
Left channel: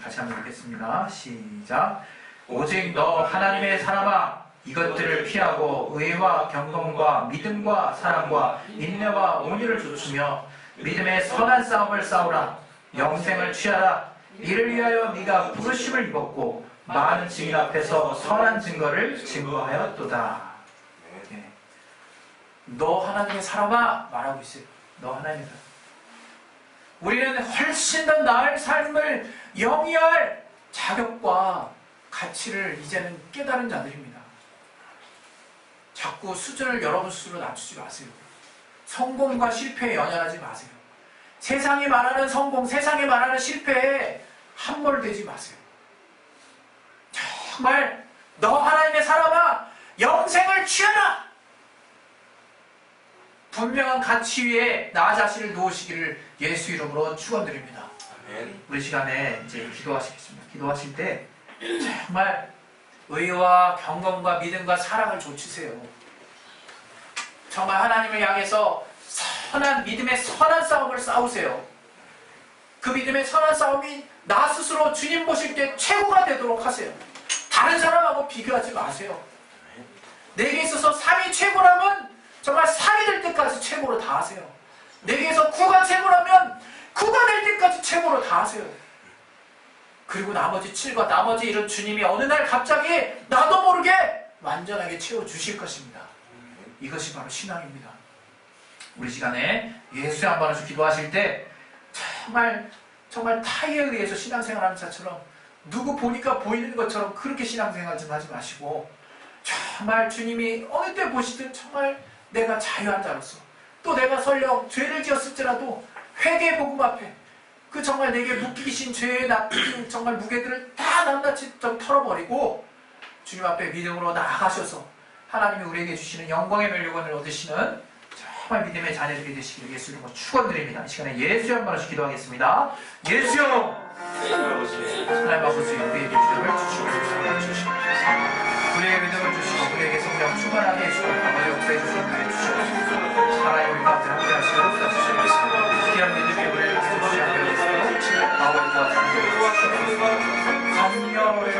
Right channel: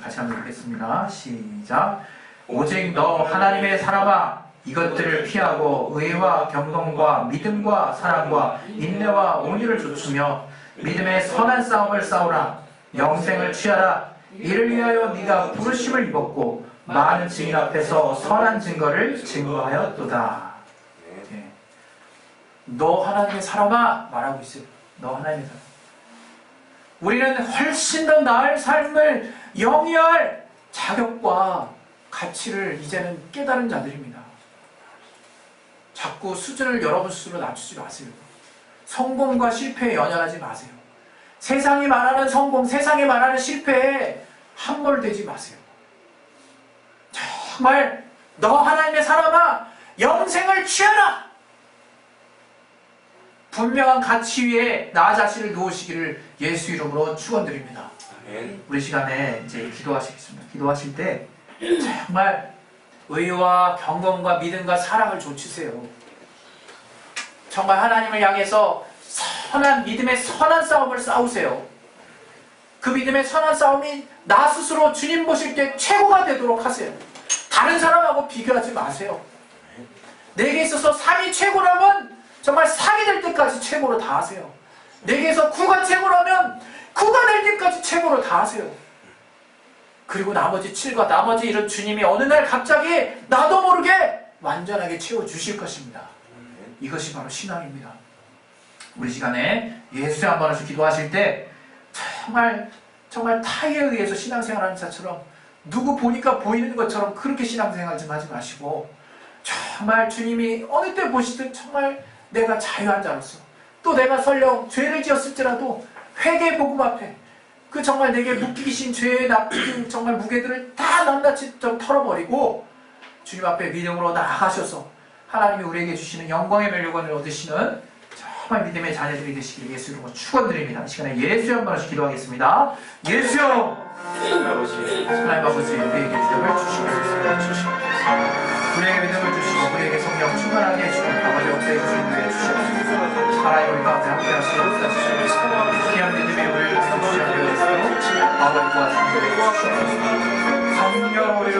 같이 한번 읽겠습니다. 시작. 오직 너 하나님의 사람아 이것들을 피하고 의와 경건과 믿음과 사랑과 인내와 온유를 갖추며 믿음의 선한 싸움을 싸우라. 영생을 취하라. 이를 위하여 네가 부르심을 입었고 많은 증인 앞에서 선한 증거를 증거하였도다. 네. 너 하나님의 사람아 말하고 있어요. 너 하나님의 사람. 우리는 훨씬 더 나을 삶을 영위할 자격과 가치를 이제는 깨달은 자들입니다. 자꾸 수준을 여러분 스스로 낮추지 마세요. 성공과 실패에 연연하지 마세요. 세상이 말하는 성공, 세상이 말하는 실패에 함몰되지 마세요. 정말 너 하나님의 사람아 영생을 취하라. 분명한 가치 위에 나 자신을 놓으시기를 예수 이름으로 축원드립니다. 우리 시간에 이제 기도하시겠습니다. 기도하실 때 정말 의와 경건과 믿음과 사랑을 좇으세요. 정말 하나님을 향해서 선한 믿음의 선한 싸움을 싸우세요. 그 믿음의 선한 싸움이 나 스스로 주님 보실 때 최고가 되도록 하세요. 다른 사람하고 비교하지 마세요. 내게 있어서 3이 최고라면 정말 3이 될 때까지 최고로 다 하세요. 내게서 9가 최고라면 9가 될 때까지 최고로 다 하세요. 그리고 나머지 7과 나머지 이런 주님이 어느 날 갑자기 나도 모르게 완전하게 채워주실 것입니다. 이것이 바로 신앙입니다. 우리 시간에 예수의 한 번에서 기도하실 때 정말 타의에 의해서 신앙생활하는 자처럼 누구 보니까 보이는 것처럼 그렇게 신앙생활 좀 하지 마시고 정말 주님이 어느 때 보시든 정말 내가 자유한 자로서 또 내가 설령 죄를 지었을지라도 회개 복음 앞에 그 정말 내게 묶이신 죄의 나쁜 정말 무게들을 다 낱낱이 좀 털어버리고 주님 앞에 믿음으로 나아가셔서 하나님이 우리에게 주시는 영광의 멸류관을 얻으시는 정말 믿음의 자녀들이 되시기를 예수 이름으로 축원드립니다. 이 시간에 예수 한 번씩 기도하겠습니다. 예수 하나님 아버지 우리에게 믿음을 주시고 우리에게 믿음을 주시고 우리에게 성령 충만하게 해주시고 아버지 우리에게 인도해 주시고 하나님 우리 가운데 함께 하시고 귀한 믿음이 우리를 주시옵소서 아버지와 성령의 주시옵소서 성령 우리를